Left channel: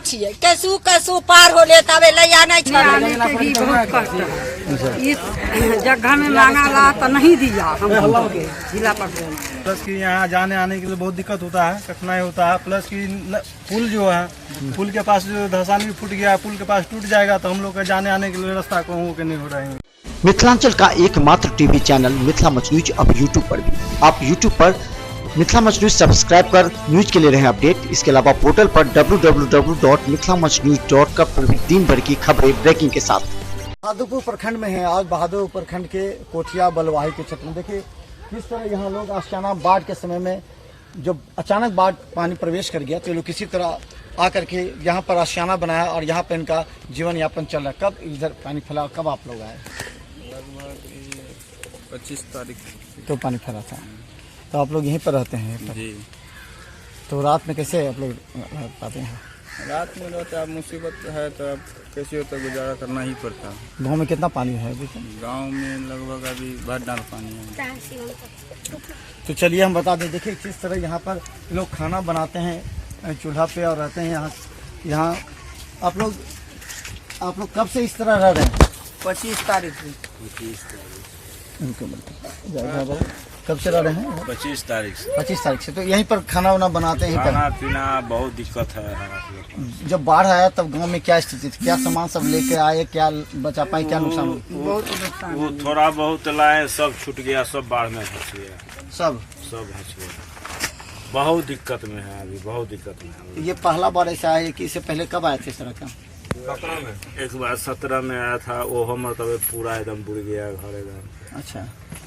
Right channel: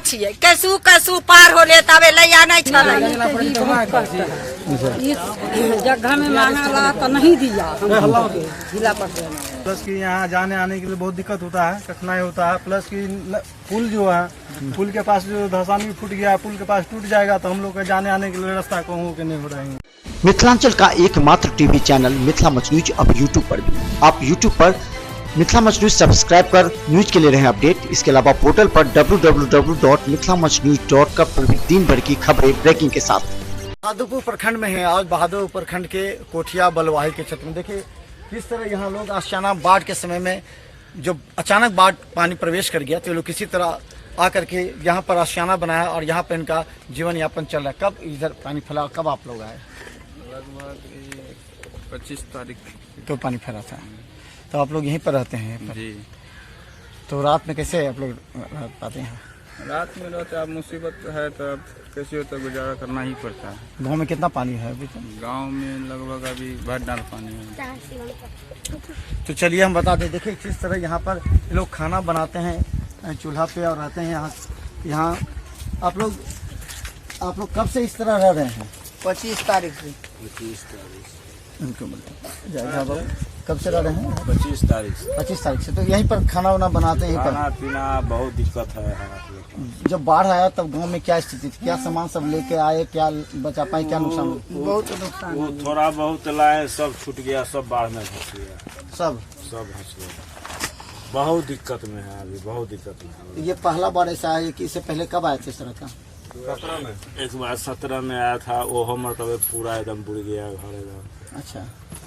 छिए कैसू कैसू पार हो ले तबे लैया नहीं आने के ही बहुत कष्ट है। इस जगह में मांगा ला तो नहीं दिया हम लोगों के जिला परिषद। प्लस कि यहाँ जाने आने के लिए बहुत दिक्कत होता है, कठिनाई होता है। प्लस कि पुल जो है, पुल के पास जो धसानी फूट गया है, पुल के पास टूट जाएगा तो हम लोग के जाने आने के लिए रास्ता कहूँ के नहीं हो रहे हैं। मिथिलांचल का एकमात्र TV channel Mithila much news अब यूट्यूब पर भी। आप यूट्यूब पर मिथिला मच न्यूज सब्सक्राइब कर न्यूज के लिए रहे अपडेट। इसके अलावा पोर्टल पर www.mithilamachnews.com पर भी दिन भर की खबरें ब्रेकिंग के साथ। बहादुरपुर प्रखंड में है। आज बहादुरपुर प्रखंड के कोठिया बलवाही के क्षेत्र में देखिए किस तरह यहाँ लोग आशियाना बाढ़ के समय में जब अचानक बाढ़ पानी प्रवेश कर गया तो लोग किसी तरह आकर के यहाँ पर आशियाना बनाया और यहाँ पर इनका जीवन यापन चल रहा है। कब इधर पानी फैला, कब आप लोग आए? लगभग 25 तारीख तो पानी फैला था। तो आप लोग यहीं पर रहते हैं? जी। तो रात में कैसे आप लोग रह पाते हैं? रात में रहते अब मुसीबत है तो अब कैसे होता गुजारा करना ही पड़ता है। गांव में कितना पानी है अभी? गांव में लगभग अभी भर डाल पानी है। तो चलिए हम बता दें, देखिए किस तरह यहाँ पर लोग खाना बनाते हैं चूल्हा पे और रहते हैं यहाँ आप लोग कब से इस तरह रह रहे हैं? 25 तारीख से। 25 तारीख कब से रह रहे हैं? 25 तारीख से। 25 तारीख से। तो यहीं पर खाना वाना बनाते हैं? खाना पीना बहुत दिक्कत है। जब बाढ़ आया तब गांव में क्या स्थिति थी? क्या सामान सब लेके आए, क्या बचा पाए, क्या नुकसान? बहुत नुकसान। वो थोड़ा बहुत लाए, सब छूट गया, सब बाढ़ में फंस गया। सब फंस गया। बहुत दिक्कत में है अभी, बहुत दिक्कत में है। ये पहला बार ऐसा है कि इससे पहले कब आए थे इस तरह का? 17 में। एक बार 17 में आया था, वो मतलब पूरा एकदम बुड़ गया घर एकदम। अच्छा।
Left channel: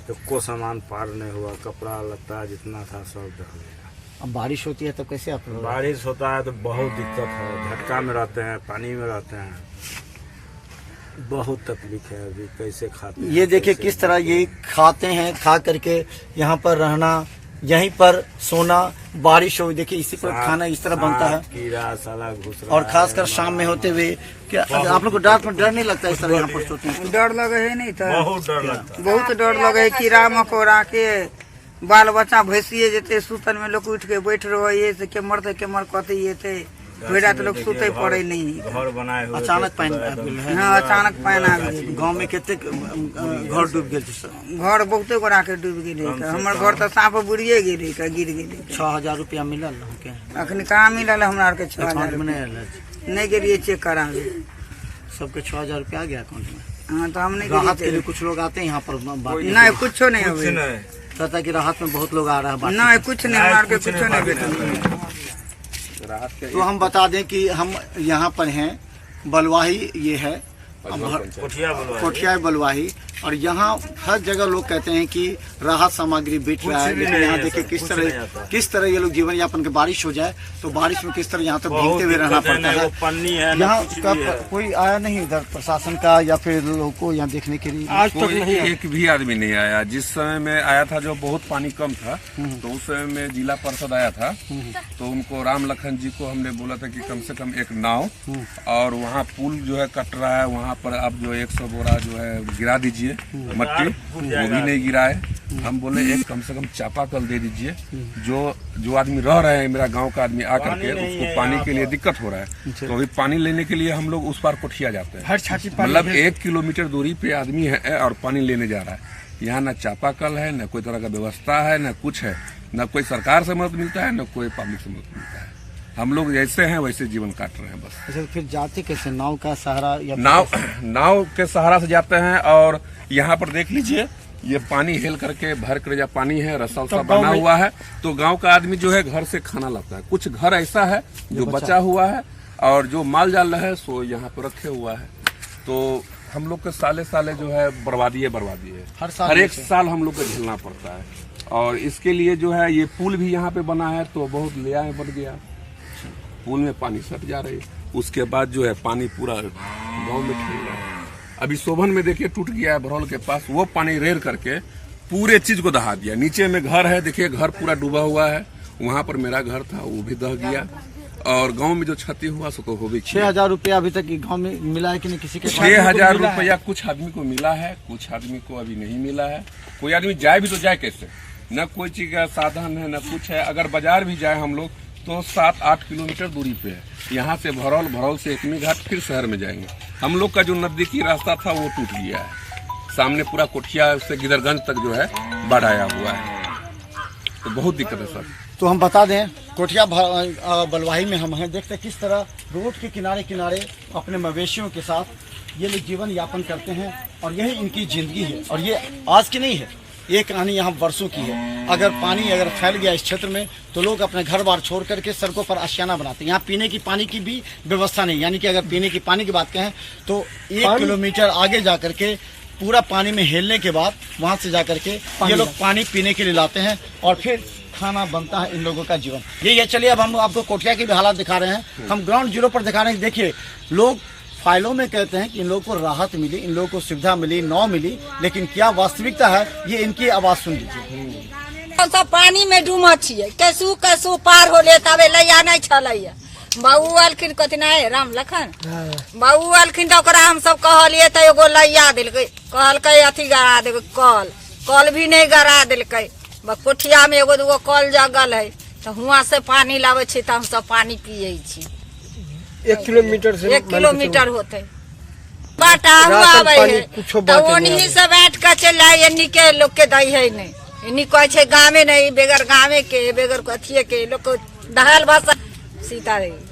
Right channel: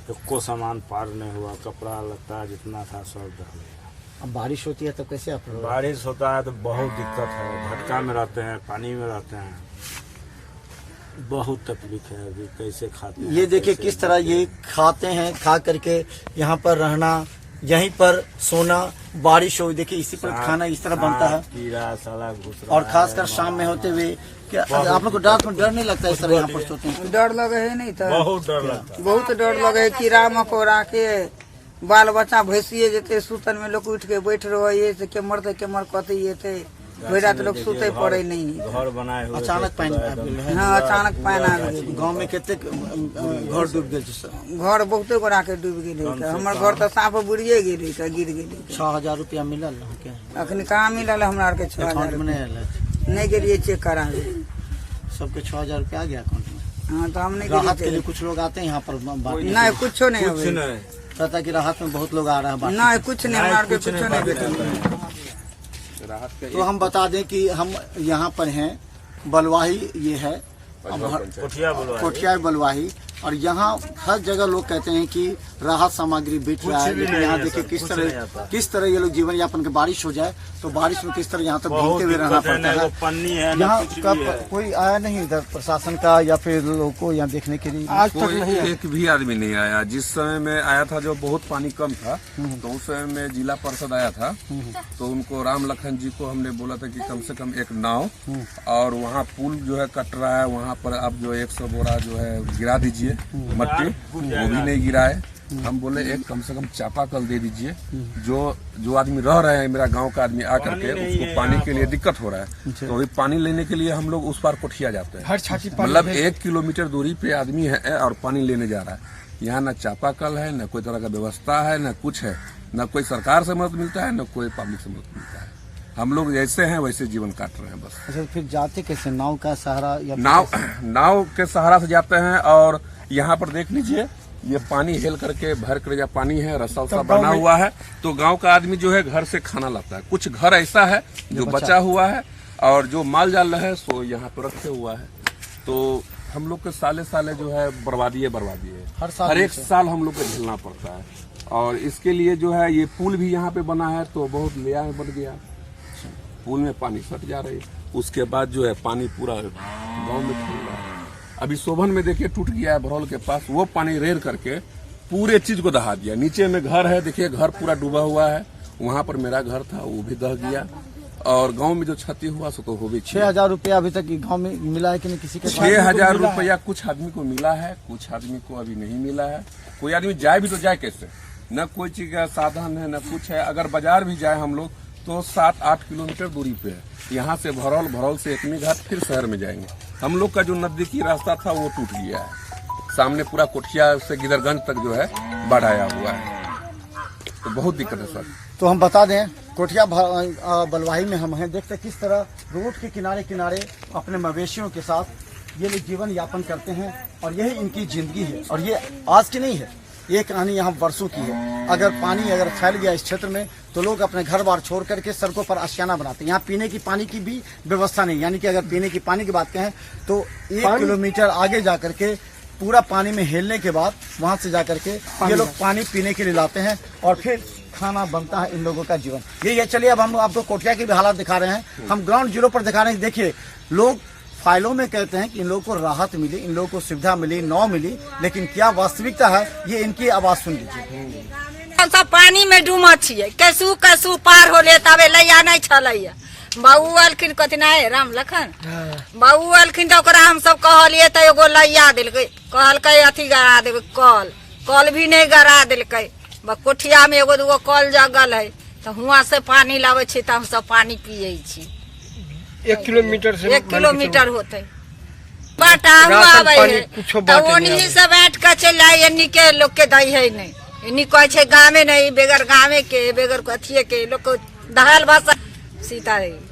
एको सामान पार नहीं हुआ, कपड़ा लत्ता जितना था सब दह गया। अब बारिश होती है तो कैसे आप लोग? बारिश होता है तो बहुत दिक्कत है, झटका में रहते हैं, पानी में रहते हैं, बहुत तकलीफ है अभी। कैसे खाते हैं? ये देखिए किस तरह ये खाते हैं, खा करके यहाँ पर रहना, यहीं पर सोना, बारिश हो देखिए इसी पर खाना इस तरह बनता है। कीड़ा साला घुस रहा और खासकर शाम में होते हुए क्या आप लोग को डर नहीं लगता इस तरह यहाँ पर सोते हैं? डर लगे है नहीं तो बहुत डर लगता है। बहुत डर लगे है। कीड़ा मकोड़ा के बाल बच्चा भैंसिए जेते सुतन में लोग उठ के बैठ रहे से के मरते के मर कहते ये थे भेड़ा तो लोग सुते पड़े नहीं। घर बनाए हुए अचानक पानी आ गेल है। हाँ अचानक पानी आ गए। गाँव में कितने घर डूब गए? घर बहुते गोरा के डूब गए। हमारे घर तो सांप बुड़िए गए, गिर गए। 6000 रुपया मिलल के? अखन कहाँ मिलल हमरा आर के 6000 नहीं गेलिए चेक करा। सबके 6000 रुपया आ गया अकाउंट में? हाँ तो हम नहीं राहत के लिए गेलिए। कुछ लोग आते हैं यहाँ पर? नहीं कुछ नहीं हुए। कहता कि राहत में बहुत लोग आ रहा है। नहीं कुछ नहीं, हमारे के कुछ नहीं बेटा। तो हम बता दें कि हम यहाँ पर हैं, बलवाही ये है कोठिया बलवाही, और यहाँ हर जगह लोग कहते हैं कि राहत सामग्री बिक रहा है। लेकिन यहाँ देखिए किस तरह ये लोग जीवन यापन के बारिश हो जाए तो बारिश में किस तरह यहाँ तक भीगते हुए रहना पड़ता है। यहाँ का कोई आया नहीं इधर प्रशासन का या फिर लोगों को यहाँ देखने के लिए? आज तक नहीं, एक भी आदमी नहीं आया। जिस समय में आया था जो बहुत पानी कम था तो उस समय में जिला परिषद आया था तो उनको राम लखन जी को हमने बोला था कि कम से कम एक नाव और वहाँ पुल जो है कट रहा है वहाँ पर आप जो 100 बोरा जो है गिरा दीजिए मट्टी, वो भी नहीं गिरा है। हम बोले एक कम से कम चापाकल दे दीजिए, जो आदमी रह रहे हैं मेरा गांव का आदमी आकर के उसको पानी के लिए दिक्कत हो रहा है। तो अभी पानी लेने के लिए हम लोग उस पार कोठिया जाते हैं, मतलब 1 किलोमीटर दूरी पे आदमी है और पानी लेने जा रहा है। यहाँ न चापाकल है, न कोई तरह का व्यवस्था है, न कुछ है, न कोई सरकार से मदद मिलता है, न कोई पब्लिक से मदद मिलता है। हम लोग जैसे हैं वैसे जीवन काट रहे हैं बस। अच्छा, फिर जाते कैसे? नाव का सहारा या नाव के सहारा से जाते हैं। और यहाँ पर देख लीजिए ये पानी हेल करके भर कर पानी है, रस्सा उस्सा बना हुआ है। तो गांव का आदमी जो है घर से खाना लाता है। कुछ घर ऐसा है जो बचा हुआ है और जो माल जाल है सो यहाँ पर रखे हुआ है। तो हम लोग के साले जो है बर्बादी है। हर एक साल हम लोग को झेलना पड़ता है। और इसके लिए जो है ये पुल भी यहाँ पे बना है तो बहुत लिया है, बन गया। पुल में पानी सट जा रही है, उसके बाद जो है पानी पूरा गांव में खेल रहा है। अभी शोभन में देखिए टूट गया है भरौल के पास, वो पानी रेर करके पूरे चीज को दहा दिया। नीचे में घर है, देखिए घर पूरा डूबा हुआ है। वहाँ पर मेरा घर था वो भी दह गया। और गांव में जो क्षति हुआ सो तो हो भी। 6000 रुपया अभी तक गांव में मिला है कि नहीं? किसी के 6000 रुपया कुछ आदमी को मिला है, कुछ आदमी को अभी नहीं मिला है। कोई आदमी जाए भी तो जाए कैसे? न कोई चीज का साधन है, न कुछ है। अगर बाजार भी जाए हम लोग तो 7-8 किलोमीटर दूरी पे है। यहाँ से भरौल, भरौल से एकमी घाट, फिर शहर में जाएंगे। हम लोग का जो नजदीकी रास्ता था वो टूट गया है। सामने पूरा कोठिया से गिदरगंज तक जो है बाढ़ आया हुआ है, तो बहुत दिक्कत है सर। तो हम बता दें कोठिया बलवाही में हम हैं, देखते किस तरह रोड के किनारे किनारे अपने मवेशियों के साथ ये लोग जीवन यापन करते हैं और यही इनकी जिंदगी है। और ये आज की नहीं है, ये कहानी यहाँ वर्षों की है। अगर पानी अगर फैल गया इस क्षेत्र में तो लोग अपने घर बार छोड़ करके सड़कों पर आशियाना बनाते हैं। यहाँ पीने की पानी की भी व्यवस्था नहीं, यानी कि अगर पीने की पानी की बात कहें तो 1 किलोमीटर आगे जा करके पूरा पानी में हेलने के बाद वहां से जा करके ये लोग पानी पीने के लिए लाते हैं और फिर खाना बनता है इन लोगों का जीवन। यही है। चलिए अब हम आपको कोठिया की भी हालात दिखा रहे हैं। हम ग्राउंड जीरो पर दिखा रहे हैं। देखिए, लोग फाइलों में कहते हैं कि इन लोगों को राहत मिली, इन लोगों को सुविधा मिली, नौ मिली, लेकिन क्या वास्तविकता है ये इनकी आवाज सुन लीजिए। हम सब पानी में डूमल छियै, कैसू कैसू पार होले तबे लैया नहीं छलैया। बाबू अलखिन कथी नहीं राम लखन बाबू अलखिन तो ओकरा हम सब कहलिए तो एगो लैया दिलकै, कहलकै अथी गड़ा देबै, कल भी नहीं गड़ा दिलकै। कोठिया में एगो दूगो कल जगल है तो हुआ से पानी लावे छी तो हम सब पानी पिये छी। 1 किलोमीटर से 1 किलोमीटर होते बाटा हुआ आवे है तो ओनही से बैठ के चल आए। इन्हीं के लोग के दई है नहीं, इन्हीं कहे छे गाँव नहीं, बेगर गाँव के बेगर कथिए के लोग को दहाल भाषा सीता देवी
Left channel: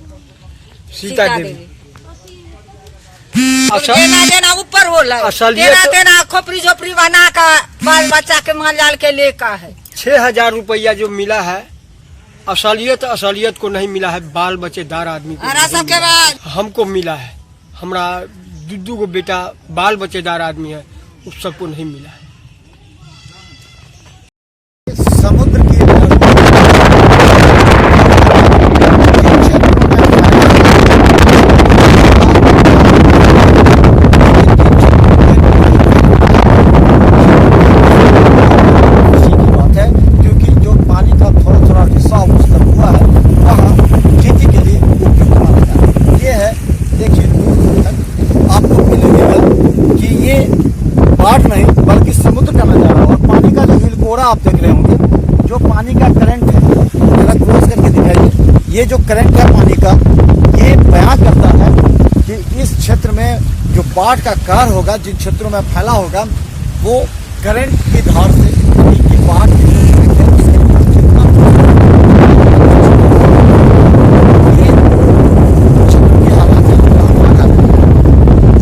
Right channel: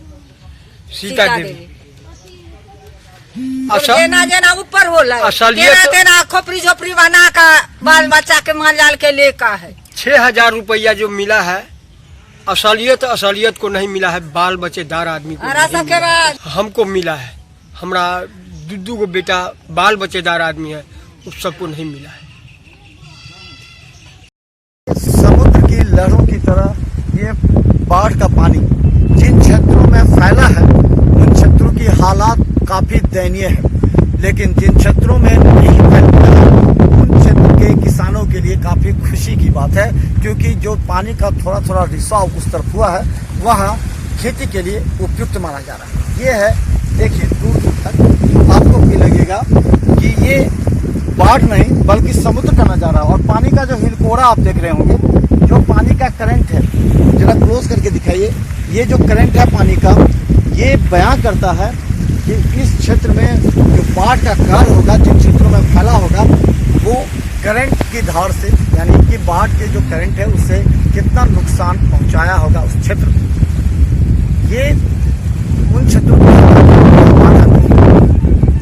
देना देना ऊपर होला, देना खोपड़ी झोपड़ी बना का बाल बच्चा के माल जाल के लेका है। 6000 रुपया जो मिला है असलियत को नहीं मिला है, बाल बच्चेदार आदमी को सबके बाद हमको मिला है। हमारा 2 गो बेटा बाल बच्चेदार आदमी है, उस सबको नहीं मिला है। समुद्र की लहरों बाढ़ का पानी जिन क्षेत्रों में फैला है हालात काफी बुरे हैं, लेकिन जिन क्षेत्रों में नहीं फैला खुशी की बात है, क्योंकि जो पानी का थोड़ा थोड़ा रिसाव उस तरफ हुआ है वहाँ खेती के लिए उपयुक्त माना जा रहा है। ये है, देखिए दूर तक आपको भी लगेगा कि ये बाढ़ नहीं बल्कि समुद्र का नजारा। और पानी का जो हिलकोरा आप देख रहे होंगे, जो पानी का करंट है, जरा क्लोज करके दिखाइए, ये जो करंट है पानी का, ये बयां करता है कि इस क्षेत्र में जो बाढ़ का कार होगा, जिन क्षेत्रों में फैला होगा, वो करंट की धार से, यानी कि बाढ़ के जो करंट है उससे कितना नुकसान पहुंचाया होगा उस क्षेत्र को। ये उन क्षेत्रों के हालात है,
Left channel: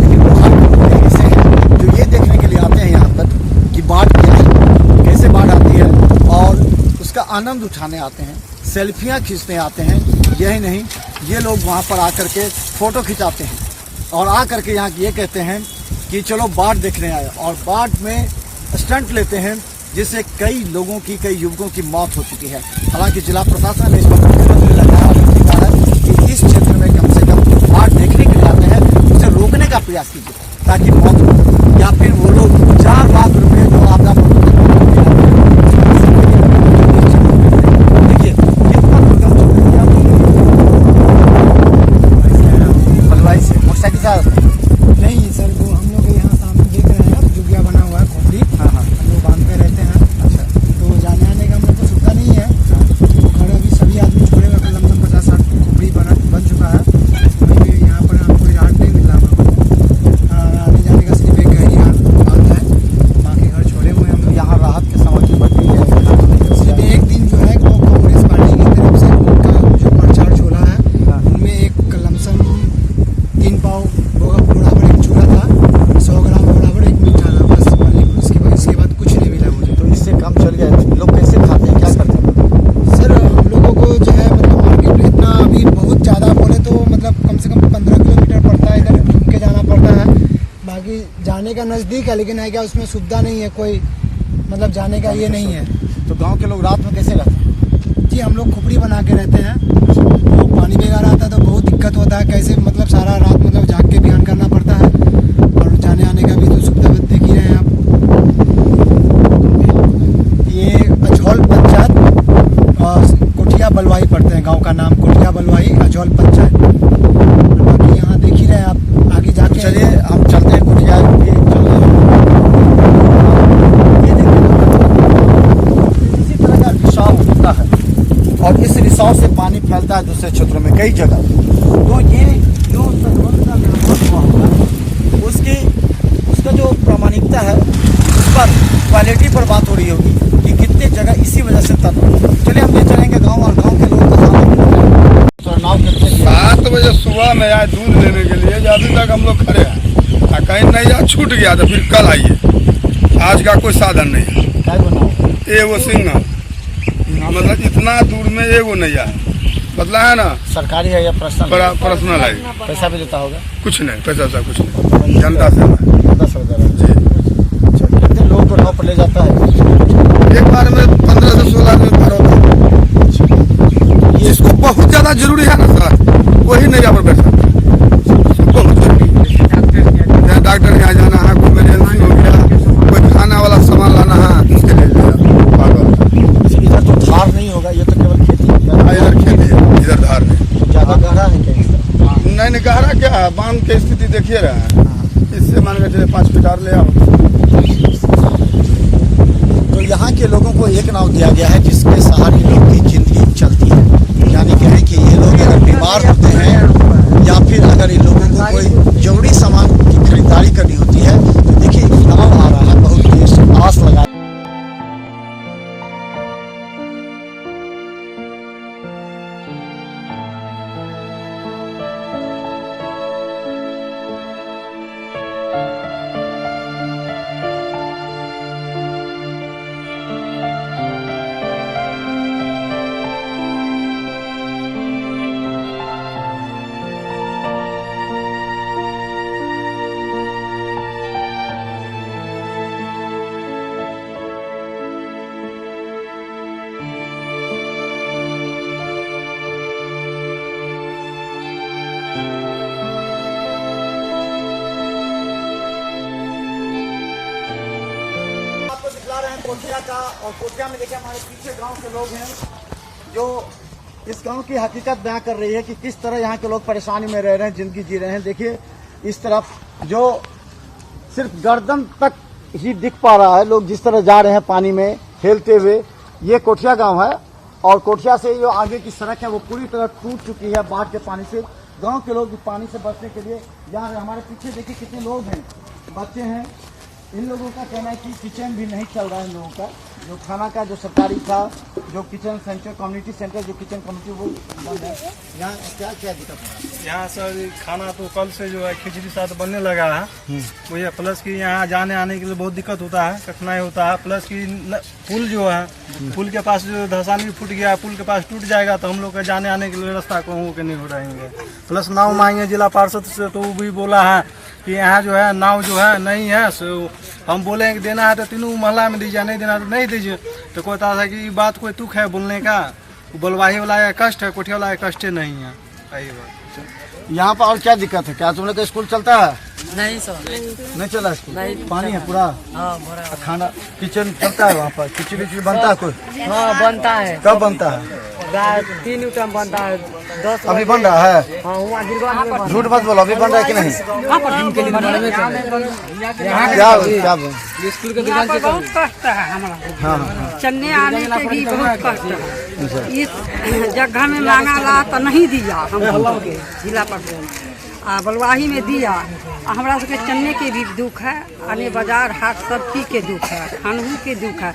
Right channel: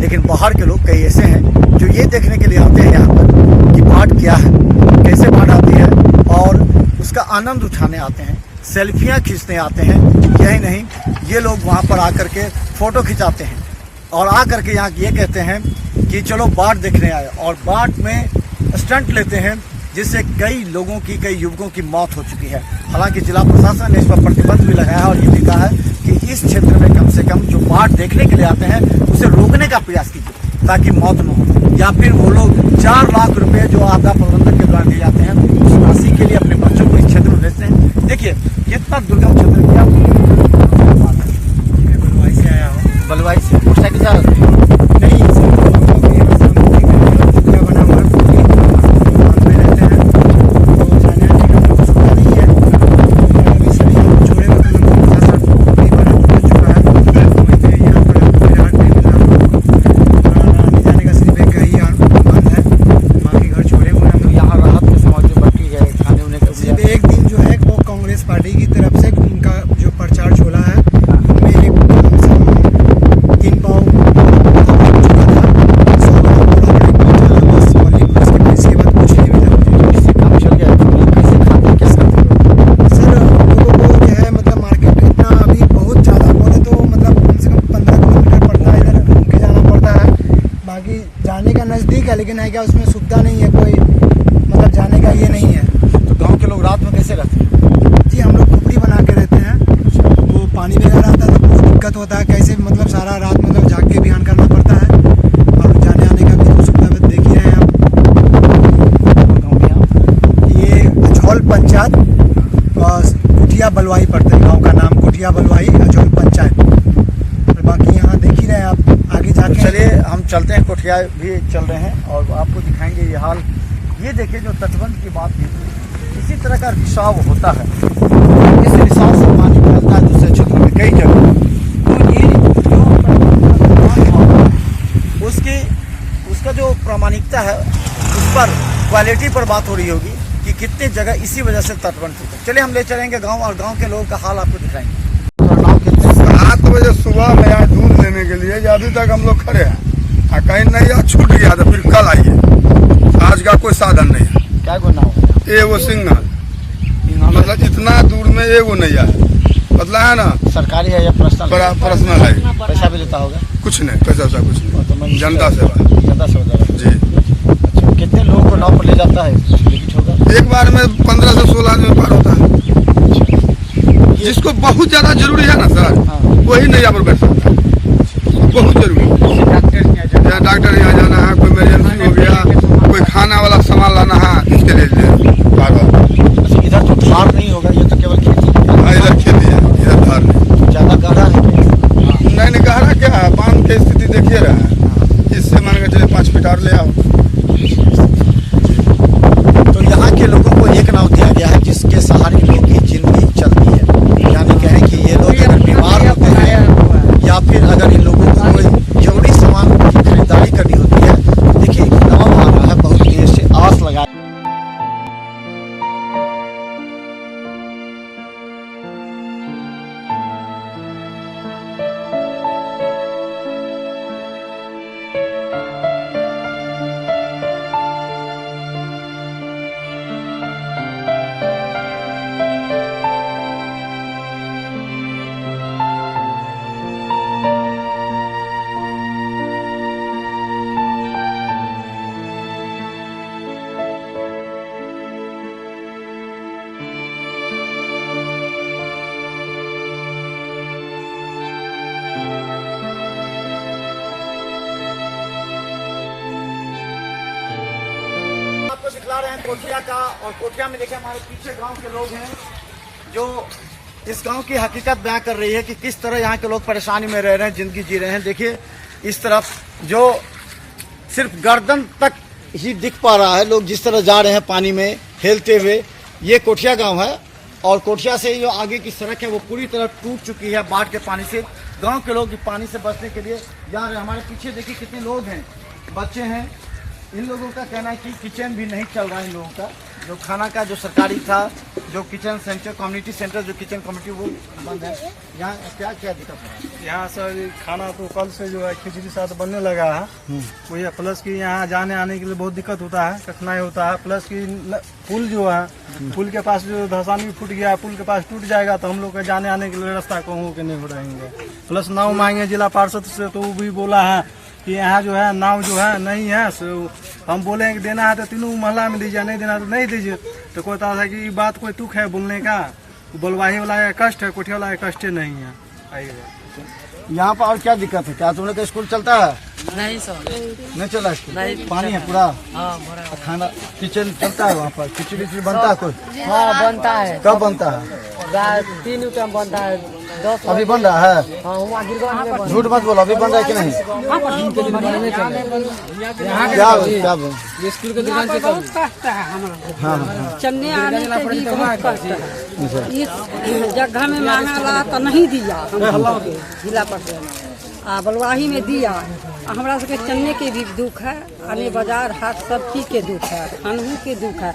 लेकिन बाहर के लोग कई ऐसे हैं जो ये देखने के लिए आते हैं यहाँ पर कि बाढ़ क्या है, कैसे बाढ़ आती है, और उसका आनंद उठाने आते हैं, सेल्फियाँ खींचने आते हैं। यही नहीं, ये लोग वहाँ पर आकर के फोटो खिंचाते हैं और आकर के यहाँ ये कहते हैं कि चलो बाढ़ देखने आए, और बाढ़ में स्टंट लेते हैं, जिससे कई लोगों की, कई युवकों की मौत हो चुकी है। हालांकि जिला प्रशासन ने इस पर प्रतिबंध भी लगाया है और ये भी कहा है कि इस क्षेत्र में कम से कम जो बाढ़ देखने के लिए आते हैं उसे रोकने का प्रयास कीजिए ताकि मौत हो, या फिर वो लोग 4 लाख रुपए जो आपदा प्रबंधन के द्वारा दिए जाते हैं उस राशि के लिए अपने बच्चों को इस क्षेत्र में से। देखिए कितना दुर्गम क्षेत्र बलवाई से कुर्सा के साथ नहीं सर, हम लोग यहाँ सामने चुपड़ा बना हुआ है, बांध में रहते हैं, तो जाने आने का सुविधा नहीं है। और अभी सभी छोड़े हुए कदम 50-60 खोपड़ी बन चुका है, वहीं पे यहाँ पर कोई राट नहीं मिल रहा, आने जाने का सिर्फ एक ही बंद है, बाकी घर छोड़े हुए हम लोग। यहाँ राहत की समाप्ति बढ़ गई है। सिर्फ एक दिन जो है वो कांग्रेस पार्टी की तरफ से उनका जो प्रचार चला है उनमें एक कलम से 3 पाव चुका था, 100 ग्राम बस इसके बाद कुछ नहीं मिला मुझे। इससे काम चल गया। लोग कैसे खाते हैं, कैसे सर? हम लोगों को जो है मतलब मार्केट में इतना अभी बहुत ज़्यादा बोले तो मतलब कम से कम 15 किलोमीटर पड़ता है, इधर घूम के जाना पड़ता है। बाकी जाने का नज़दीक है, लेकिन है क्या उसमें सुविधा नहीं है, कोई मतलब जाने का ये नहीं है। तो गाँव के लोग रात में कैसे रहते हैं? जी हम लोग खोपड़ी बना के रहते हैं, तो पानी वगैरह आता है तो बहुत दिक्कत होता है, कैसे मतलब सारा रात मतलब जाग के ध्यान करना पड़ता है, और जाने आने का भी तो सुविधा देख ही रहे हैं आप। ये अजौल पंचायत कोठिया बलवाही पड़ता है, गांव का नाम कोठिया बलवाही अजौल पंचायत। और बाकी यहाँ देख ही रहे हैं आप, आगे जाके चलिए हम चलते हैं, कोठिया भी चल रहे हैं। ये देखिए जो इसी तरह का रिसाव होता है, और इस रिसाव से पानी फैल पर क्वालिटी पर बात हो रही होगी कि कितने जगह इसी वजह से तटबंध। चलिए हम ले चलेंगे गांव और गांव के लोगों का हाल आपको दिखाएंगे। तो नाम कितने 7 बजे सुबह में आए दूध लेने के लिए, अभी तक हम लोग खड़े हैं। कहीं नहीं या छूट गया तो फिर कल आइए। आज का कोई साधन नहीं है। क्या बनाओ एगो सिंगल, मतलब इतना दूर में एगो नहीं है। बदला है ना, सरकारी है या पर्सनल है। पैसा भी लेता होगा? कुछ नहीं, पैसा वैसा कुछ नहीं, जनता सेवा। जनता सेवा जी। कितने लोगों को नाव पर ले जाता है? एक बार में 15 से 16 आदमी पार होता है। जिसको बहुत ज्यादा जरूरी है ना सर, वही नहीं यहाँ पर बैठ सकता। बहुत जरूरी, यहाँ डॉक्टर यहाँ जाना है, कोई इमरजेंसी हो गया, कोई खाना वाला सामान लाना है, उसके लिए इधर तो धार नहीं होगा, ये तो केवल खेती है। हाँ, इधर खेती है, इधर धार नहीं। ज्यादा गहरा है? नहीं गहरा क्या है, बांध की स्थिति देखिए रहा है। इससे मान के चले 5 फीट और ले आओ। तो यहाँ के लोगों को एक नाव दिया गया है जिसके सहारे लोग की जिंदगी चलती है। यानी कहें कि ये लोग अगर बीमार होते हैं या फिर अगर इन लोगों को कोई जरूरी सामान की खरीदारी करनी होती है, तो देखिए नाव आ रहा है, बहुत देर से आस लगा। आपको दिखला रहे हैं कोठिया का, और कोठिया में देखिए हमारे पीछे गांव के लोग हैं जो इस गांव की हकीकत बयां कर रही है कि किस तरह यहाँ के लोग परेशानी में रह रहे हैं, जिंदगी जी रहे हैं। देखिए इस तरफ जो सिर्फ गर्दन तक ही दिख पा रहा है, लोग जिस तरह जा रहे हैं पानी में हेलते हुए। ये कोठिया गाँव है और कोठिया से जो आगे की सड़क है वो पूरी तरह टूट चुकी है बाढ़ के पानी से। गाँव के लोग पानी से बचने के लिए जा रहे हैं। हमारे पीछे देखिए कितने लोग हैं, बच्चे हैं। इन लोगों का कहना है कि किचन भी नहीं चल रहा है। इन लोगों का जो खाना का जो सरकारी था, जो किचन सेंटर, कम्युनिटी सेंटर, जो किचन कम्युनिटी, वो बंद है। यहाँ क्या क्या दिक्कत है? यहाँ सर खाना तो कल से जो है खिचड़ी साथ बनने लगा है। वही है, प्लस कि यहाँ जाने आने के लिए बहुत दिक्कत होता है, कठिनाई होता है। प्लस कि पुल जो है, पुल के पास जो धसानी फूट गया है, पुल के पास टूट जाएगा तो हम लोग के जाने आने के लिए रास्ता कहूँ के नहीं हो रहेंगे। प्लस नाव मांगे जिला पार्षद से, तो वो भी बोला है कि यहाँ जो है नाव जो है नहीं है। सो हम बोले कि देना है तो तीनों महला में दीजिए, नहीं देना तो नहीं दीजिए। तो कहता था कि ये बात कोई तुक है बोलने का, बलवाही वाला का कष्ट है, कोठिया वाला का कष्ट नहीं है। यही बात। यहाँ पर और क्या दिक्कत है? क्या तुम लोग का स्कूल चलता है? नहीं सर, नहीं चला स्कूल? नहीं, पानी है पूरा? हाँ भरा। खाना किचन चलता है वहाँ पर? खिचड़ी बनता है कोई? हाँ बनता है। कब बनता है? 3 टाइम बनता है। 10 अभी बन रहा है? हाँ वहाँ गिरगांव में बन। झूठ मत बोलो, अभी बन रहा है कि नहीं? यहाँ पर बहुत कष्ट है हमारा, चलने आने के भी बहुत कष्ट है। इस जगह में मांगा ला तो नहीं दिया हम लोग के जिला परिषद, बलवाही में दिया। हमारा सबके चलने के भी दुख है, आने बाजार हाट सब चीज के दुख है, खानहू के दुख है।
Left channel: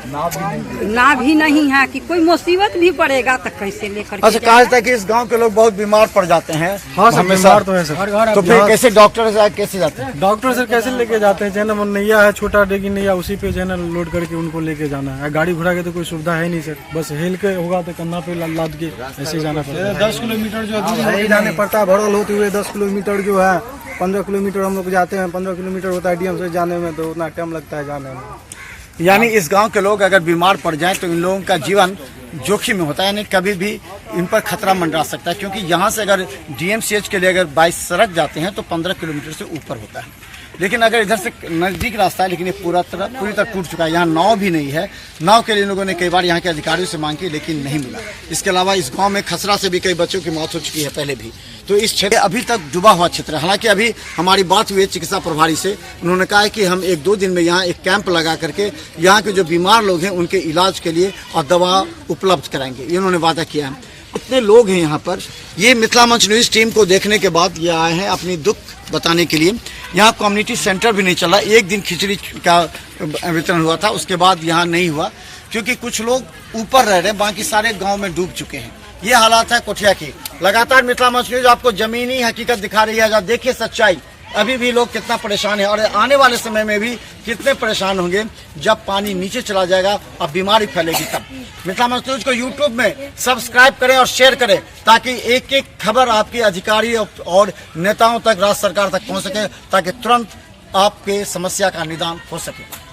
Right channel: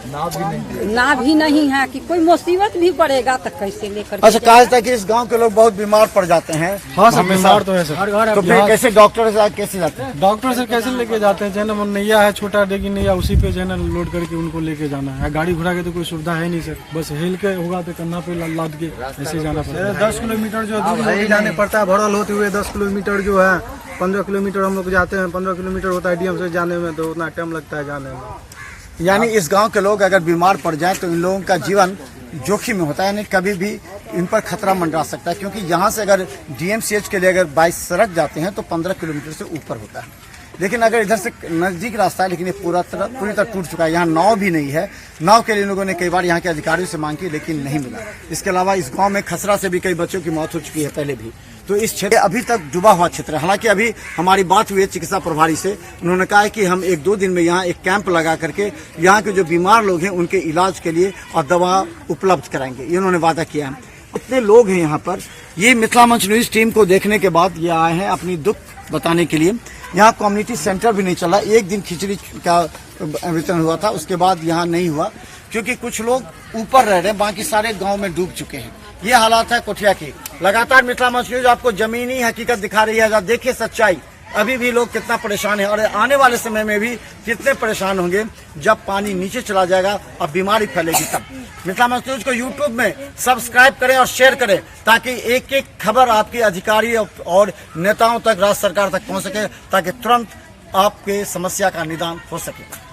ना भी नहीं है कि कोई मुसीबत भी पड़ेगा तो कैसे लेकर। अच्छा, कहा जाता है कि इस गांव के लोग बहुत बीमार पड़ जाते हैं। हाँ सर, बीमार तो है सर। तो फिर कैसे डॉक्टर से कैसे जाते हैं? डॉक्टर सर कैसे लेके जाते हैं? जो नैया है, छोटा डेगी नैया, उसी पे जो है ना लोड करके उनको लेके जाना है। गाड़ी घोड़ा की तो कोई सुविधा है नहीं सर, बस हेल के होगा तो कन्ना पे लाद के ऐसे जाना पड़ता है। 10 किलोमीटर जो दूर जाने पड़ता है, भरल होते हुए 10 किलोमीटर जो है, 15 किलोमीटर हम लोग जाते हैं। 15 किलोमीटर होता है डीएम से जाने में, तो उतना टाइम लगता है जाने में। यानी इस गांव के लोग अगर बीमार पड़ जाएं तो इन लोगों का जीवन जोखिम में होता है, यानी कभी भी इन पर खतरा मंडरा सकता है। क्योंकि यहाँ से अगर डीएमसीएच के लिए अगर 22 सड़क जाते हैं तो 15 किलोमीटर से ऊपर होता है। लेकिन अगर इधर से नजदीक रास्ता है, लेकिन ये पूरी तरह टूट चुका है। यहाँ नाव भी नहीं है। नाव के लिए लोगों ने कई बार यहाँ के अधिकारियों से मांग की, लेकिन नहीं मिला। इसके अलावा इस गांव में खसरा से भी कई बच्चों की मौत हो चुकी है पहले भी। तो इस क्षेत्र अभी तक डूबा हुआ क्षेत्र है। हालांकि अभी हमारी बात हुई है चिकित्सा प्रभारी से, उन्होंने कहा है कि हम 1-2 दिन में यहाँ एक कैंप लगा करके यहाँ के जो बीमार लोग हैं उनके इलाज के लिए और दवा उपलब्ध कराएंगे, ये उन्होंने वादा किया है। इतने लोग हैं यहाँ पर। ये मिथिला मंच न्यूज टीम को देखने के बाद ये आए हैं अपनी दुख बताने के लिए। यहाँ कम्युनिटी सेंटर भी नहीं चला, एक दिन खिचड़ी का वितरण हुआ था, उसके बाद यहाँ नहीं हुआ क्योंकि कुछ लोग ऊपर रह रहे हैं, बाकी सारे गांव में डूब चुके हैं। ये हालात है कोठिया की। लगातार मिथिला मंच न्यूज आपको जमीनी हकीकत दिखा रही है। देखिए सच्चाई, अभी भी लोग कितना परेशान है और आने वाले समय में भी कितने परेशान होंगे जब पानी नीचे चला जाएगा और बीमारी फैलेगी तब। मिथिला मंच न्यूज को यूट्यूब में सब्सक्राइब करें और शेयर करें ताकि एक एक खबर आपके अधिकारी और नेताओं तक, राज्य सरकार तक पहुंच सके, ताकि तुरंत आपके समस्या का निदान हो सके।